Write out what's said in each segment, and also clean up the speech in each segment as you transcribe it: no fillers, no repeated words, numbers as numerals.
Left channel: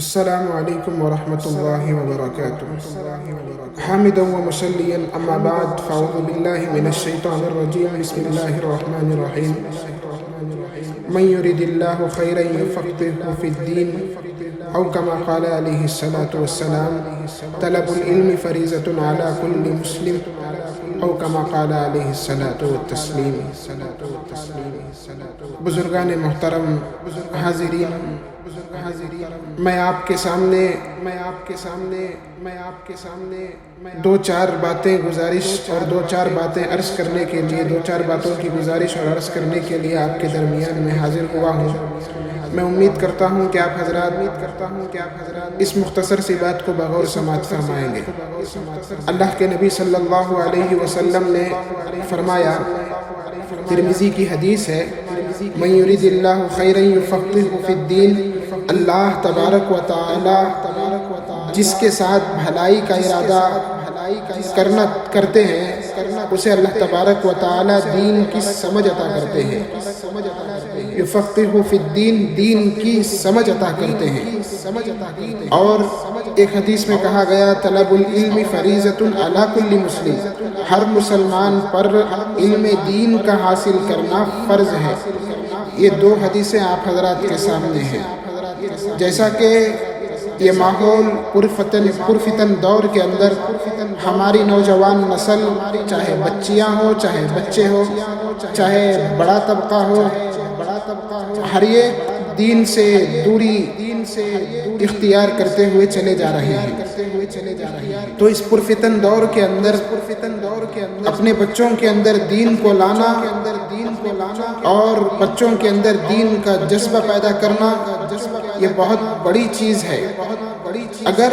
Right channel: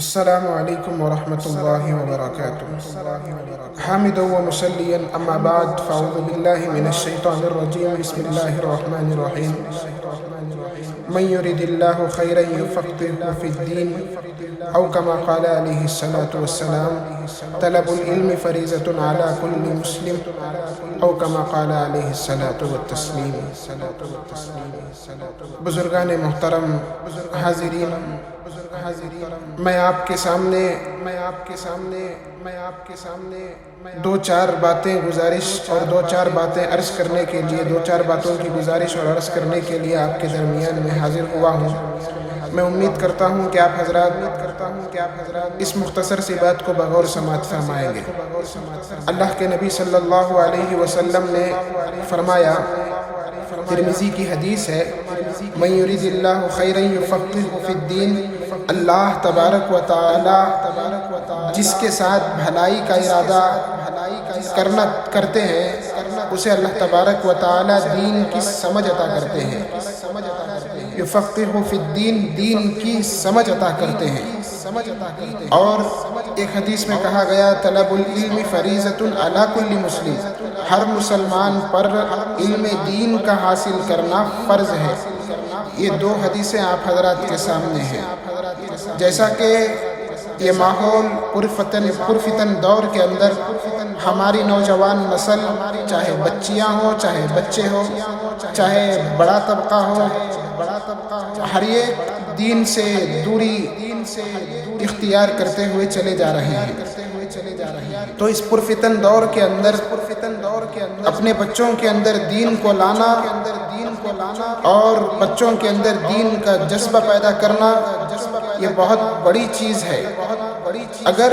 السلام عليكم ورحمة الله وبركاته. حامدا ومصليا أما بعد، فأعوذ بالله من الشيطان الرجيم. بسم الله الرحمن الرحيم. من يرد الله خيرا يفقهه في الدين، أو كما قال عليه الصلاة والسلام: طلب العلم فریضة على كل مسلم، أو كما قال عليه الصلاة والتسلیم. بزرگان محترم، حاضرین، میں آپ کے سامنے دو چار باتیں گزارش اور دو چار باتیں عرض کرنے کے لیے، دو چار باتوں کی گزارش اور عرض کرنے کے لیے آپ کے درمیان میں حاضر ہوا ہوں. میں امید کرتا ہوں کہ آپ حضرات اس مختصر سی بات کو بغور سماعت فرمائیں گے. اللہ کے نبی صلی اللہ علیہ وسلم نے فرمایا، ترمذی کی حدیث ہے، من یرید اللہ خیرا یفقہہ فی الدین، اللہ تبارک و تعالی جس کے ساتھ بھلائی کا ارادہ کرتے ہیں اسے اللہ تبارک و تعالی دین کی سمجھ عطا کرتے ہیں. یفقہہ فی الدین، دین کی سمجھ عطا کرتے ہیں. اور ایک حدیث میں کہا گیا، طلب العلم فریضۃ علی کل مسلم، ہر مسلمان پر علم دین کا حاصل کرنا فرض ہے. یہ دو حدیثیں آپ حضرات کے سامنے ہیں. جیسا کہ یہ ماحول پرفتن دور کے اندر ہماری نوجوان نسل، چاہے بچیاں ہوں، چاہے بچے ہو، چاہے بڑا طبقہ ہو، ہر ایک دین سے دوری اختیار کرتے ہوئے چلے جا رہے ہیں. تو اس پرفتن دور کے اندر اپنے بچوں کے اندر دین کو لانا اور بچوں کے اندر دین کا جذبہ پیدا کرنا، یہ بہت بڑی چیز ہے. اگر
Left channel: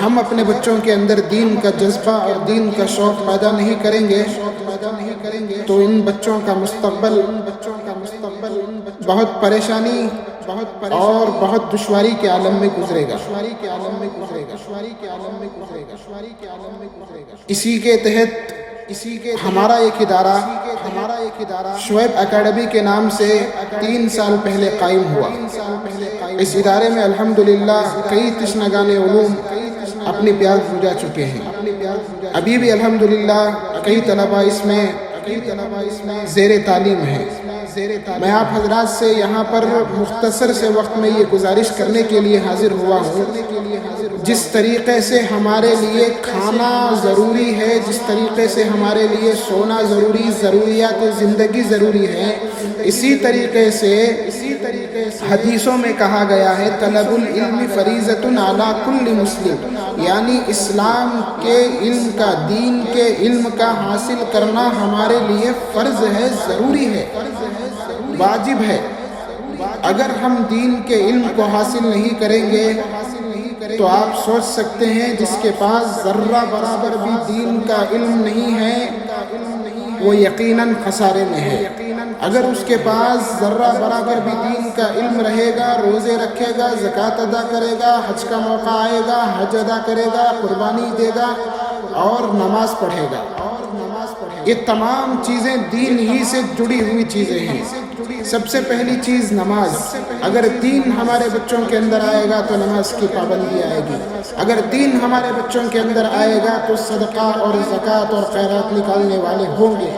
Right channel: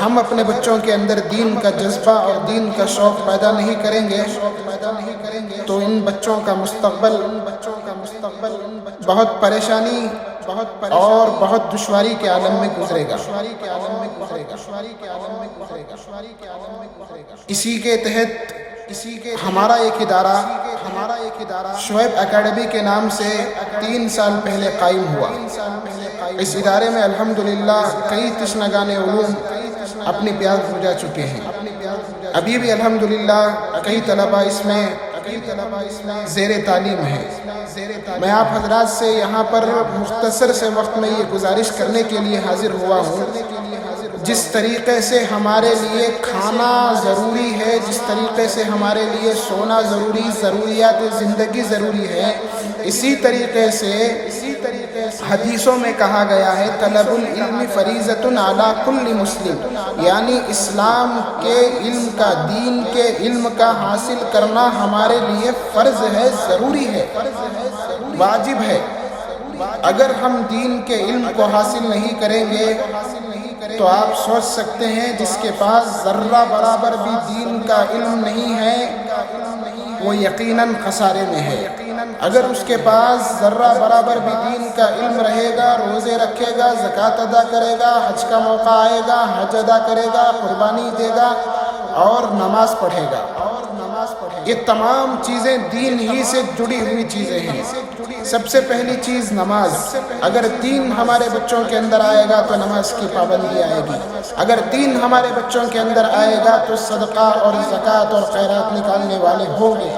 ہم اپنے بچوں کے اندر دین کا جذبہ اور دین کا شوق پیدا نہیں کریں گے تو ان بچوں کا مستقبل بہت پریشانی اور بہت دشواری کے عالم میں گزرے گا. اسی کے تحت ہمارا ایک ادارہ شعیب اکیڈمی کے نام سے 3 سال پہلے قائم ہوا. اس ادارے میں الحمدللہ کئی تشنگان علوم اپنی پیاس بجھا چکے ہیں. ابھی بھی الحمدللہ کئی طلبہ اس میں زیر تعلیم ہے. میں آپ حضرات سے یہاں پر مختصر سے وقت میں یہ گزارش کرنے کے لیے حاضر ہوا ہوں، جس طریقے سے ہمارے لیے کھانا ضروری ہے، جس طریقے سے ہمارے لیے سونا ضروریات زندگی ضروری ہے، اسی طریقے سے حدیثوں میں کہا گیا ہے، طلب العلم فریضۃ علی کل مسلم، یعنی اسلام کے علم کا، دین کے علم کا حاصل کرنا ہمارے لیے فرض ہے، ضروری ہے، واجب ہے. اگر ہم دین کے علم کو حاصل نہیں کریں گے تو آپ سوچ سکتے ہیں جس کے پاس ذرہ برابر بھی دین کا علم نہیں ہے وہ یقیناً خسارے میں ہے. اگر اس کے پاس ذرہ برابر بھی دین کا علم رہے گا، روزے رکھے گا، زکوٰۃ ادا کرے گا، حج کا موقع آئے گا حج ادا کرے گا، قربانی دے گا اور نماز پڑھے گا. یہ تمام چیزیں دین ہی سے جڑی ہوئی چیزیں ہیں. سب سے پہلی چیز نماز. اگر دین ہمارے بچوں کے اندر آئے گا تو نماز کی پابندی آئے گی. اگر دین ہمارے بچوں کے اندر آئے گا تو صدقہ اور زکوٰۃ اور خیرات نکالنے والے ہوں گے.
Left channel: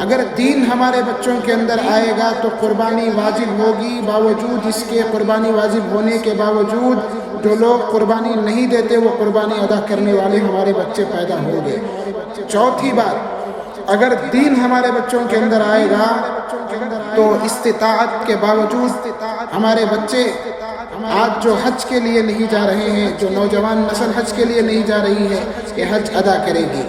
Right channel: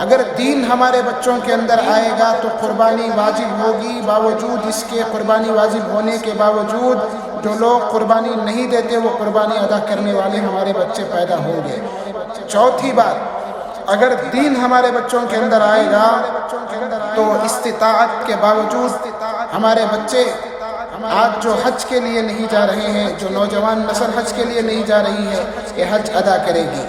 اگر دین ہمارے بچوں کے اندر آئے گا تو قربانی واجب ہوگی. باوجود اس کے قربانی واجب ہونے کے باوجود جو لوگ قربانی نہیں دیتے وہ قربانی ادا کرنے والے ہمارے بچے پیدا ہوں گے. چوتھی بات، اگر دین ہمارے بچوں کے اندر آئے گا تو استطاعت کے باوجود ہمارے بچے آج جو حج کے لیے نہیں جا رہے ہیں، جو نوجوان نسل حج کے لیے نہیں جا رہی ہے، یہ حج ادا کرے گی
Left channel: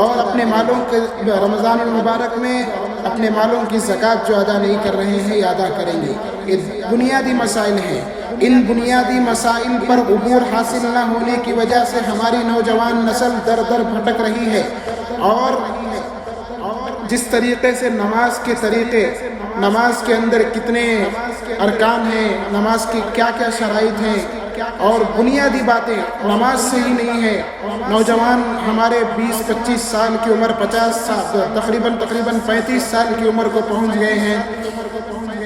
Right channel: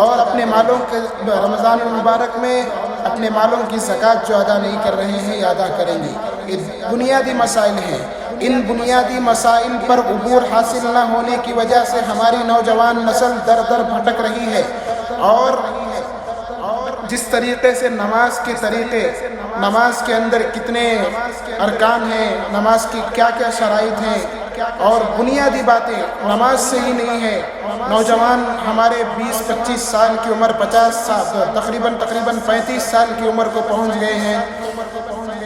اور اپنے مالوں کے رمضان المبارک میں اپنے مالوں کی زکوٰۃ جو ادا نہیں کر رہے ہیں یہ ادا کریں گی. یہ بنیادی مسائل ہیں. ان بنیادی مسائل پر عبور حاصل نہ ہونے کی وجہ سے ہماری نوجوان نسل در در بھٹک رہی ہے. اور جس طریقے سے نماز کے اندر کتنے ارکان ہیں، نماز کی کیا کیا شرائط ہیں اور بنیادی باتیں نماز سے ہی نہیں ہے. نوجوان ہمارے 20-25 سال کی عمر، 50 سال تقریباً 35 سال کی عمر کو پہنچ گئے ہیں،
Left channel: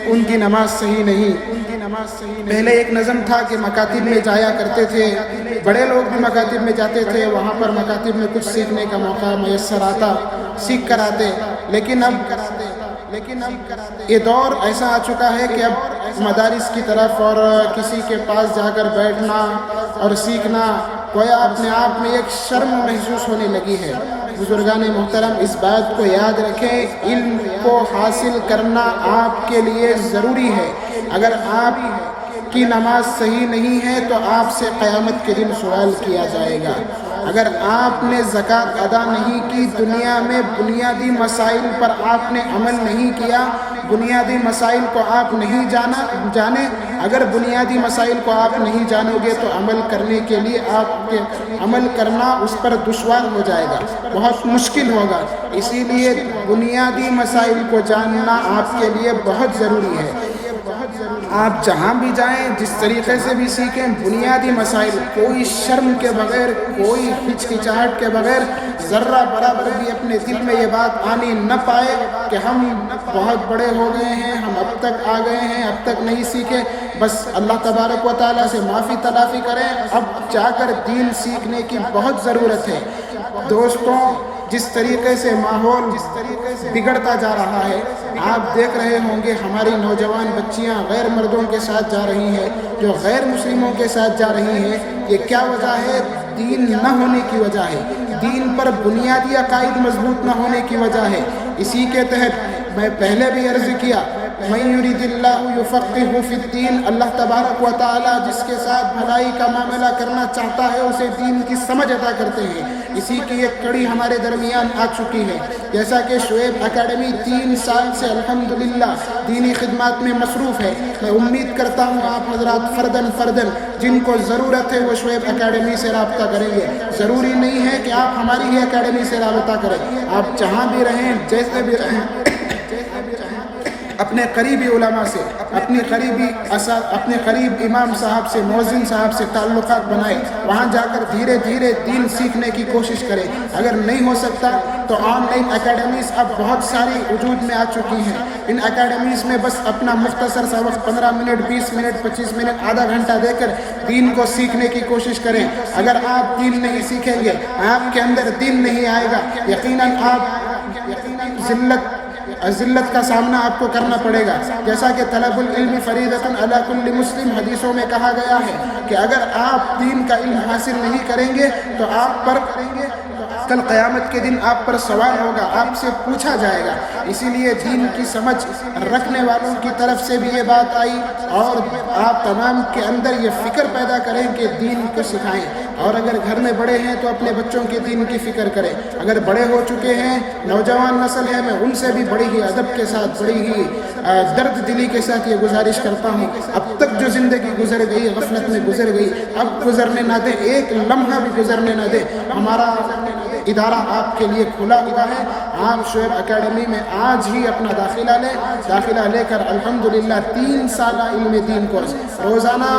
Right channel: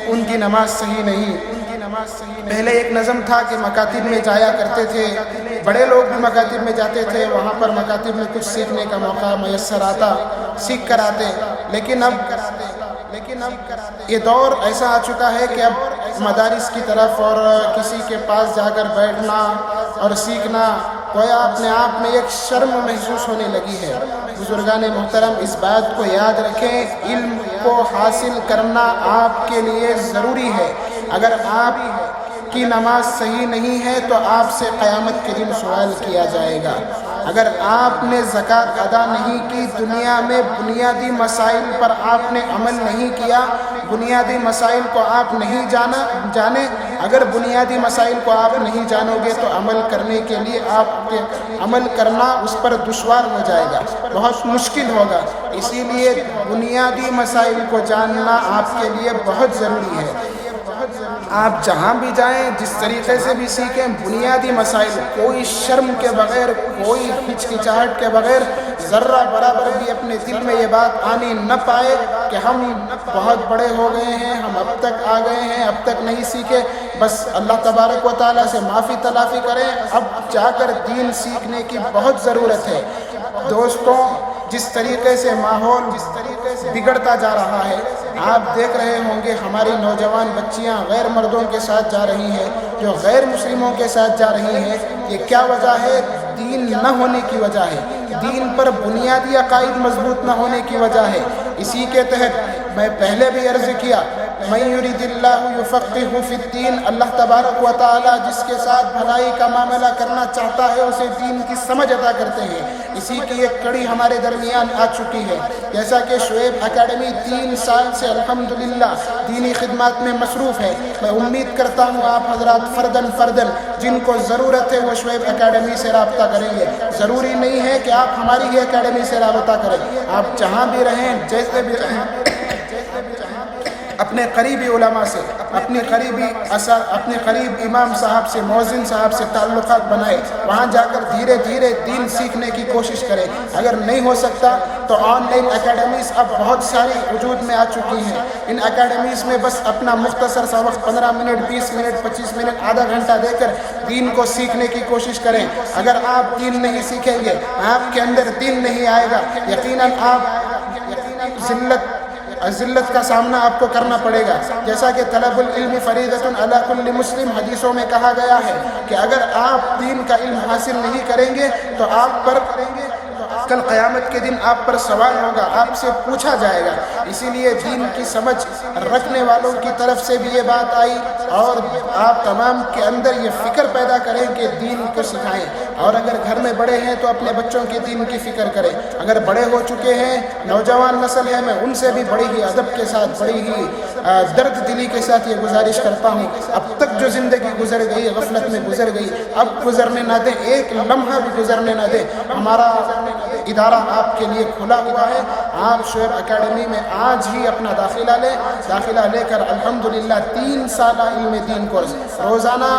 ان کی نماز صحیح نہیں. پہلے ایک نظم تھا کہ مکاتب میں جایا کرتے تھے، بڑے لوگ بھی مکاتب میں جاتے تھے، وہاں پر مکاتب میں کچھ سیکھنے کا موقع میسر آتا، سیکھ کر آتے، لیکن اب یہ دور ایسا آ چکا ہے کہ اب مدارس کی طرف اور کسی کے پاس جا کر بیٹھنا اور سیکھنا گویا اپنے آپ میں ایک شرم محسوس ہونے لگی ہے۔ بزرگان محترم اس بات کو یاد رکھیں، علم کو حاصل کرنا آپ کے لیے ضروری ہے۔ اگر آپ کی نماز صحیح نہیں ہے تو آپ سے قیامت کے دن سوال کیا جائے گا۔ اگر آپ نے زکوٰۃ ادا نہیں کی، دنیا میں بنیادی مسائل پر آپ نے عمل نہیں کیا، بنیادی مسائل کو آپ نہیں جانے، اگر بنیادی مسائل کو آپ نہیں جانو گے تو عمل کرنے کے لیے آپ کے عمل کرنا اس پر دشوار ہو جائے گا، بہت مشکل ہوگا۔ اسی لیے بنیادی مسائل کو جاننا آپ کے لیے بہت ضروری ہے۔ آپ جہاں بھی جائیں، جس طریقے سے بھی سیکھیں، بنیادی مسائل کوئی شرم کے بغیر، کوئی ہچکچاہٹ کے بغیر، ذرہ برابر بھی اپنے دل میں یہ بات آنی نہ پائے کہ ہم بہت بڑے ہو گئے ہیں، ہم اب تک آ گئے ہیں، اب تک نہیں سیکھے۔ بس اللہ تبارک و تعالیٰ سے معافی تلافی کریں، اب جا کر دین سیکھنے کی بہت ضرورت ہے۔ دوستوں، جس طریقے سے ماحول بگڑتا جا رہا ہے، آپ دیکھ رہے ہوں گے ہماری نوجوان بچیاں غیر مردوں کے ساتھ جا رہی ہیں، جو غیر مسلموں کے ساتھ جا رہی ہیں۔ یہ کیا وجہ ہے؟ دین نہ ہونے کی وجہ ہے، دین پر بنیادی عقائد مضبوط نہ ہونے کی وجہ ہے۔ اسی کے تحت میں پہلے بھی عرض کیا، من یرید اللہ یفقہہ فی الدین، اللہ تبارک و تعالی جس کے ساتھ بھلائی کا معاملہ کرنا چاہتا ہے اسے دین کی سمجھ عطا کرتے ہیں۔ اسی کی ایک کڑی ہمارے درمیان آ چکی ہے، جیسا کہ شعیب اکیڈمی 3 سال سے الحمدللہ دینی خدمات میں مصروف ہے۔ میں امید کرتا ہوں آپ حضرات فردن جن کو ضرورت ہے وہ شعیب اکیڈمی سے رابطہ کریں گے۔ ضروری نہیں ہے کہ آپ ہماری ہی اکیڈمی سے رابطہ کریں، آپ جہاں بھی رہیں، جیسے بھی رہیں، اپنے قریبی علماء سے، اپنے قریب امام صاحب سے، مؤذن صاحب سے تعلقات بنائے، وہاں جا کر دھیرے دھیرے دین سیکھنے کی کوشش کرے۔ اگر نہیں ہو سکتا تو آن لائن اکیڈمیز اب بہت ساری وجود میں آ چکی ہیں۔ ان اکیڈمیز میں بس اپنا مختصر سا وقت 15 منٹ، 20 منٹ، 25 منٹ، آدھا گھنٹہ دے کر دین کو سیکھنے کی کوشش کریں۔ اگر آپ دین نہیں سیکھیں گے، آپ کے اندر دین نہیں آئے گا، یقیناً آپ ذلت کا سامنا آپ کو کرنا پڑے گا۔ جیسا کہ طلب العلم فریضۃ علی کل مسلم حدیثوں میں کہا گیا ہے کہ اگر آپ دین کا علم حاصل نہیں کریں گے تو آپ پر کل قیامت کے دن آپ پر سوال ہوگا، آپ سے پوچھا جائے گا۔ اسی لیے دین کی سمجھ رکھنے والوں کی طرف سے بھی یہ بات آئی، اور آپ تمام کے اندر یہ فکر پیدا کریں کہ دین کو سکھائیں۔ اور اگر گھر میں بڑے ہیں تو اپنے بچوں کے دین کی فکر کریں۔ اگر بڑے ہو چکے ہیں، نوجوان نسل ہے، میں ان سے بھی بڑی ہی ادب کے ساتھ، بڑی ہی درد دلی کے ساتھ یہ گزارش کرتا ہوں، اب تک جو زندگی گزر گئی، غفلت میں گزر گئی، اب گزرنے نہ دیں، ایک لمحہ بھی گزرنے نہ دیں۔ ہمارا ادارہ آپ کے لیے کھلا ہوا ہے۔ آپ شعیب اکیڈمی میں آج ہی اپنا داخلہ لے کر الحمدللہ 3 سالہ علم دین کورس، روزانہ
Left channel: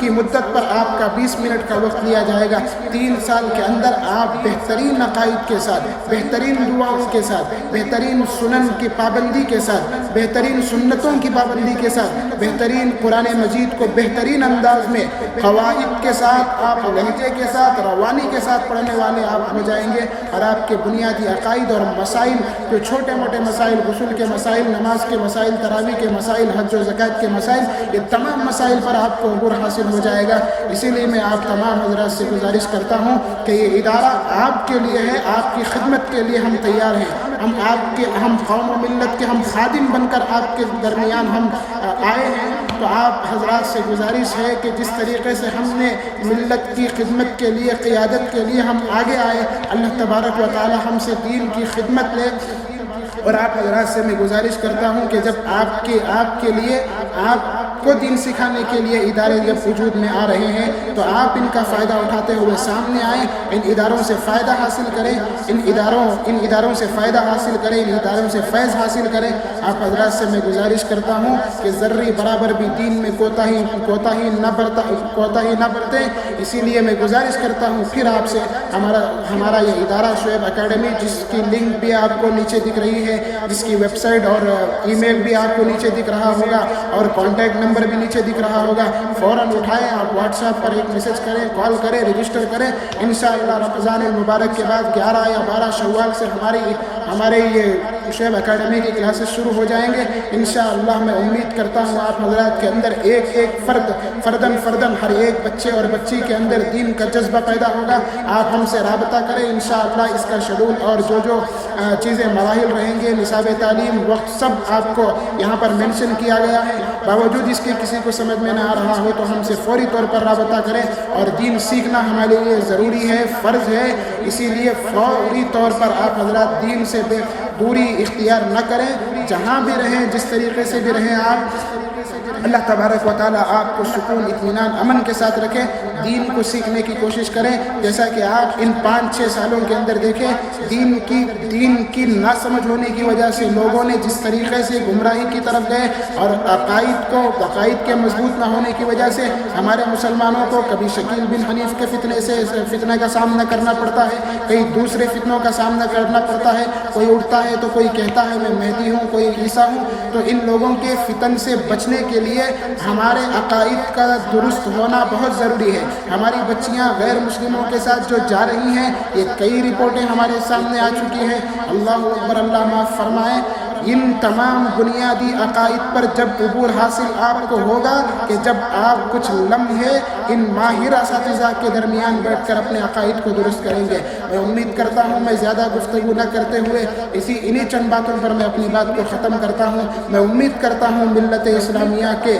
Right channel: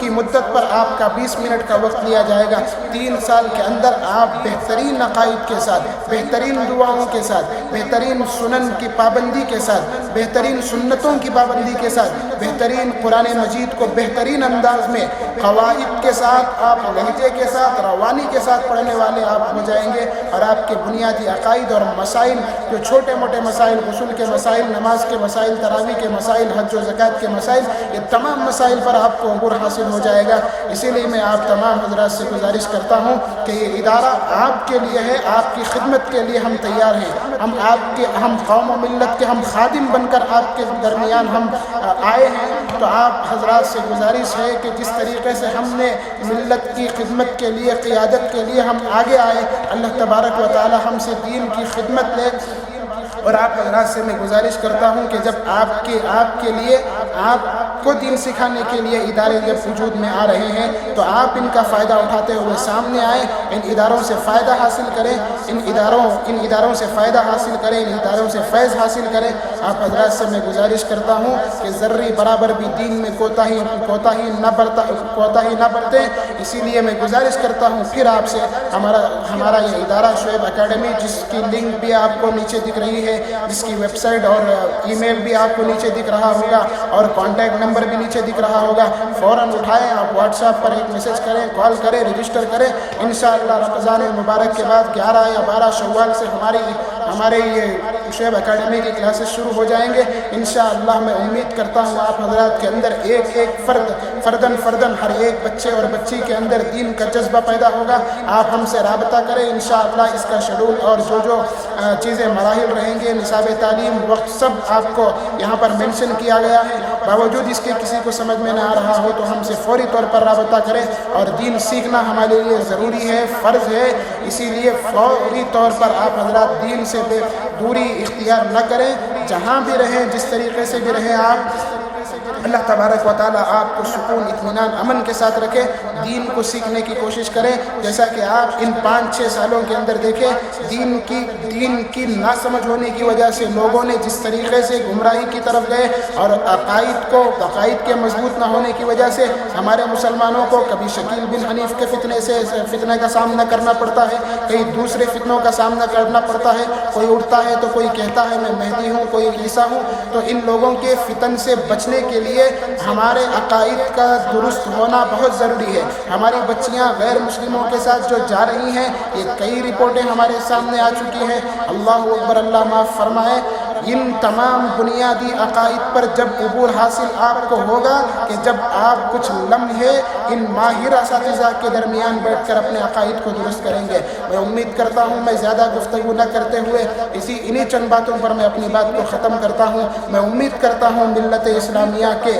کی مدت پر آپ کا 20 منٹ کا وقت لیا جائے گا۔ 3 سال کے اندر آپ بہترین عقائد کے ساتھ، بہترین دعاؤں کے ساتھ، بہترین سنن کی پابندی کے ساتھ، بہترین سنتوں کی پابندی کے ساتھ، بہترین قرآن مجید کو بہترین انداز میں قواعد کے ساتھ، آپ لہجے کے ساتھ، روانی کے ساتھ پڑھنے والے آپ ہو جائیں گے۔ اور آپ کے بنیادی عقائد اور مسائل، جو چھوٹے موٹے مسائل، غسل کے مسائل، نماز کے مسائل، تراویح کے مسائل، حج و زکوٰۃ کے مسائل، یہ تمام مسائل پر آپ کو عبور حاصل ہو جائے گا۔ اسی لیے میں آپ تمام حضرات سے گزارش کرتا ہوں کہ یہ ادارہ آپ کے لیے ہے، آپ کی خدمت کے لیے ہم تیار ہیں۔ ہم قوم و ملت کے ہم خادم بن کر آپ کے درمیان ہم آئے ہیں، تو آپ حضرات سے گزارش ہے کہ جس طریقے سے ہم نے ملت کی خدمت کے لیے، قیادت کے لیے ہم آگے آئے، اللہ تبارک و تعالی ہم سے دین کی خدمت لے۔ اور آپ حضرات سے میں گزارش کرتا ہوں کہ جب آپ کے لیے، آپ کو دین سکھانے کے لیے ادارے جب وجود میں آ رہے ہیں تو آپ ان کا فائدہ اٹھاتے ہوئے سامنے آئیں، ان اداروں سے فائدہ حاصل کریں، ان اداروں سے فائدہ حاصل کریں، ان اداروں سے فیض حاصل کریں۔ آپ حضرات سے میں گزارش کرتا ہوں کہ ذرے برابر بھی دین میں کوتاہی نہ برتیں۔ اسی لیے میں گزارش کرتا ہوں پھر آپ سے، ہمارا یہ ادارہ شعیب اکیڈمی، جس کی لنک بھی آپ کو نیچے دکھ رہی ہے، جس کی ویب سائٹ اور ای میل بھی آپ کو نیچے دکھ رہا ہوگا، اور اور کانٹیکٹ نمبر بھی نیچے دکھ رہا ہوگا، فوراً اٹھائیں، آپ واٹس ایپ پر ایک میسج کریں، کال کریں، رجسٹر کریں۔ انشاءاللہ رمضان المبارک کے بعد 11 یا 12 شوال سے ہمارے یہ شعیب اکیڈمی کی کلاسز شروع ہو جائیں گے انشاءاللہ۔ میں امید کرتا ہوں آپ حضرات کے اندر ایک فردن ہر ایک بچے اور بچی کے اندر دین کا جذبہ پیدا ہوگا۔ آپ ہم سے رابطہ کریں انشاءاللہ۔ اس کا شیڈول اور جو چیزیں مراحل رہیں گے، نصاب تعلیم، وقت، سب آپ کو یہاں پر مینشن کیا گیا ہے۔ باوجود اس کے کسی کو سمجھ میں نہ آ رہا ہو تو ہم سے فوری طور پر رابطہ کریں، اور دین سیکھنا ہمارے لیے ضروری ہے، فرض ہے، اسی لیے فوری طور پر آپ حضرات دین سے دوری اختیار نہ کریں۔ جہاں بھی رہیں، جس طریقے سے بھی رہیں، آپ اللہ تبارک و تعالیٰ آپ کو سکون، اطمینان، امن کے ساتھ رکھے۔ دین کو سیکھنے کی کوشش کریں، جیسا کہ آپ ان 5-6 سالوں کے اندر دیکھیں دین کی ناسمجھ ہونے کی وجہ سے لوگوں نے جس طریقے سے گمراہی کی طرف گئے، اور عقائد کے مضبوط نہ ہونے کی وجہ سے ہمارے مسلمانوں کو کبھی شکیل بن حنیف کے فتنے کا سامنا کرنا پڑتا ہے، کئی دوسرے فتنوں کا سامنا کرنا پڑتا ہے۔ کوئی اٹھتا ہے تو کوئی کہتا ہے میں مہدی ہوں، کوئی عیسیٰ ہوں۔ تو ان لوگوں کے فتن سے بچنے کے لیے ہمارے عقائد کا درست ہونا بہت ضروری ہے۔ ہماری بچیاں غیر مسلموں کے ساتھ جو جا رہی ہیں، یہ کئی رپورٹیں ہمارے سامنے آ چکی ہیں۔ اللہ اکبر، اللہ معاف فرمائے۔ ان تمام بنیادی عقائد پر جب عبور حاصل آپ کو ہوگا کہ جب آپ کچھ لمحے ان ماہر اساتذہ کے درمیان بیٹھ کر اپنے عقائد کو درست کریں گے۔ میں امید کرتا ہوں میں زیادہ گفتگو نہ کرتے ہوئے انہی چند باتوں پر میں اپنی بات کو ختم کرتا ہوں۔ میں امید کرتا ہوں ملت اسلامیہ کے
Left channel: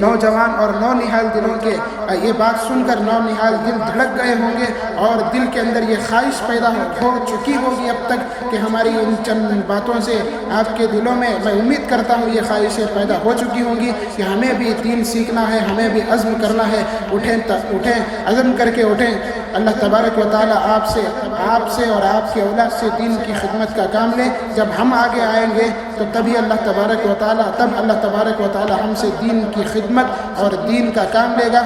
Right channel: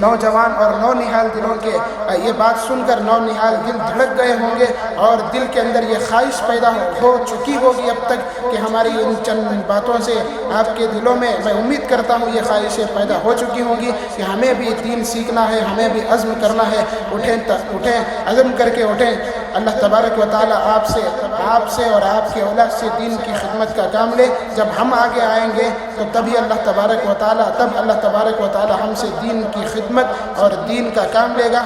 نوجوان اور نونہال دلوں کے یہ بات سن کر نونہال دل دھڑک گئے ہوں گے، اور دل کے اندر یہ خواہش پیدا ہو چکی ہوگی اب تک کہ ہماری ان چند باتوں سے آپ کے دلوں میں، میں امید کرتا ہوں یہ خواہشیں پیدا ہو چکی ہوں گی کہ ہمیں بھی دین سیکھنا ہے، ہمیں بھی عزم کرنا ہے۔ اٹھیں، عزم کر کے اٹھیں۔ اللہ تبارک و تعالیٰ آپ سے اور آپ کے اولاد سے دین کی خدمت کا کام لے۔ جب ہم آگے آئیں گے تو تبھی اللہ تبارک و تعالیٰ ہم سے دین کی خدمت اور دین کا کام لے گا۔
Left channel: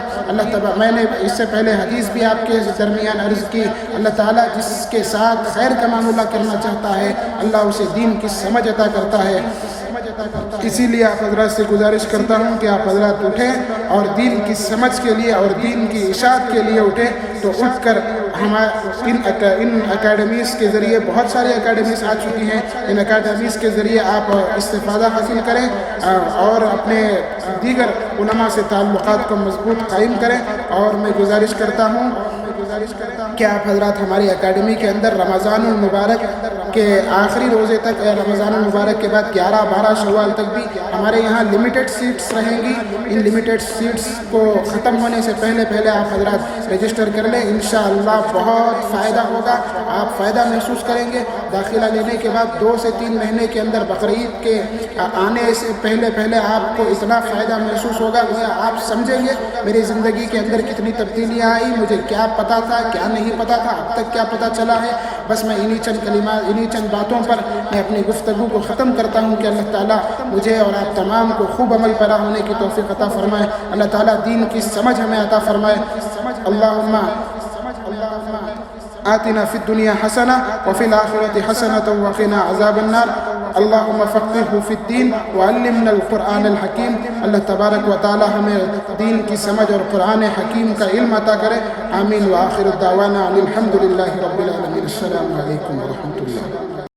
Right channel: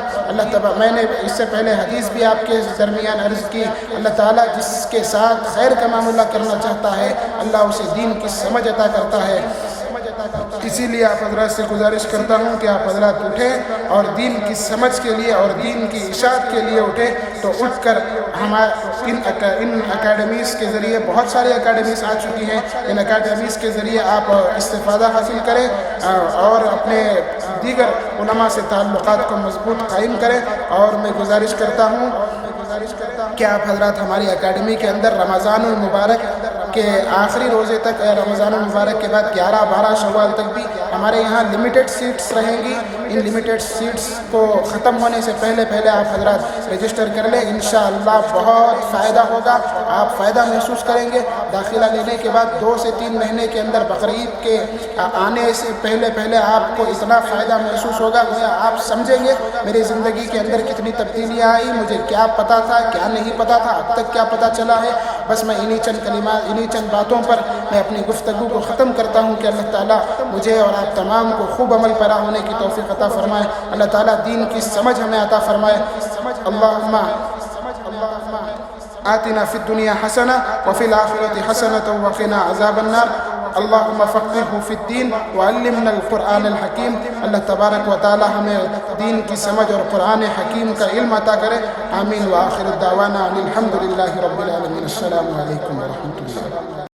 میں نے اس سے پہلے حدیث بھی آپ کے درمیان عرض کی، اللہ تعالیٰ جس کے ساتھ خیر کا معاملہ کرنا چاہتا ہے، اللہ اسے دین کی سمجھ عطا کرتا ہے۔ اسی لیے آپ حضرات سے گزارش کرتا ہوں کہ آپ حضرات اٹھیں اور دین کی سمجھ کے لیے اور دین کی اشاعت کے لیے اٹھیں۔ تو اٹھ کر ان اکیڈمیز کے ذریعے بہت ساری اکیڈمیز آ چکی ہیں، ان اکیڈمیز کے ذریعے آپ استفادہ حاصل کریں اور اپنے دیگر علماء سے تعلقات کو مضبوط قائم کریں۔ اور میں گزارش کرتا ہوں کہ آپ حضرات ہماری اکیڈمی کے اندر رمضان المبارک کے آخری روزے تک، رمضان المبارک کے بعد 11-12 شوال تک بھی ہمارے یہاں لمیٹڈ سیٹس رہیں گی۔ ان لمیٹڈ سیٹس کو ختم ہونے سے پہلے آپ حضرات رجسٹر کر لیں، انشاءاللہ بہت فائدہ ہوگا، آپ فائدہ محسوس کریں گے۔ داخلہ لینے کے بعد 2 سے 3 مہینے کے اندر بقرعید کے آنے سے پہلے آپ کو اتنا فائدہ محسوس ہوگا کہ آپ سمجھیں گے میری زندگی کے اندر کتنی تبدیلیاں آئی، مجھے کیا پتا تھا، کیا نہیں پتا تھا، اب تک کیا پتا چلا ہے۔ بس میں انہی چند کلمات، انہی چند باتوں پر میں اپنی گفتگو کو ختم کرتا ہوں کہ اللہ تعالیٰ مجھے اور آپ تمام کو خوب عمل پیرا ہونے کی توفیق عطا فرمائے۔ اللہ تعالیٰ دین کی سمجھ ہمیں عطا فرمائے۔ اللہم آتنا فی الدنیا حسنہ وفی الآخرۃ حسنۃ وقنا عذاب النار۔ اللہم فقہہ فی الدین وعلمنا القرآن الحکیم۔ اللہ تبارک و تعالی ہمیں دین کی سمجھ اور قرآن حکیم کا علم عطا کرے۔ آمین۔ وآخر الدعوانا الحمد للہ رب العالمین۔ السلام علیکم ورحمۃ اللہ۔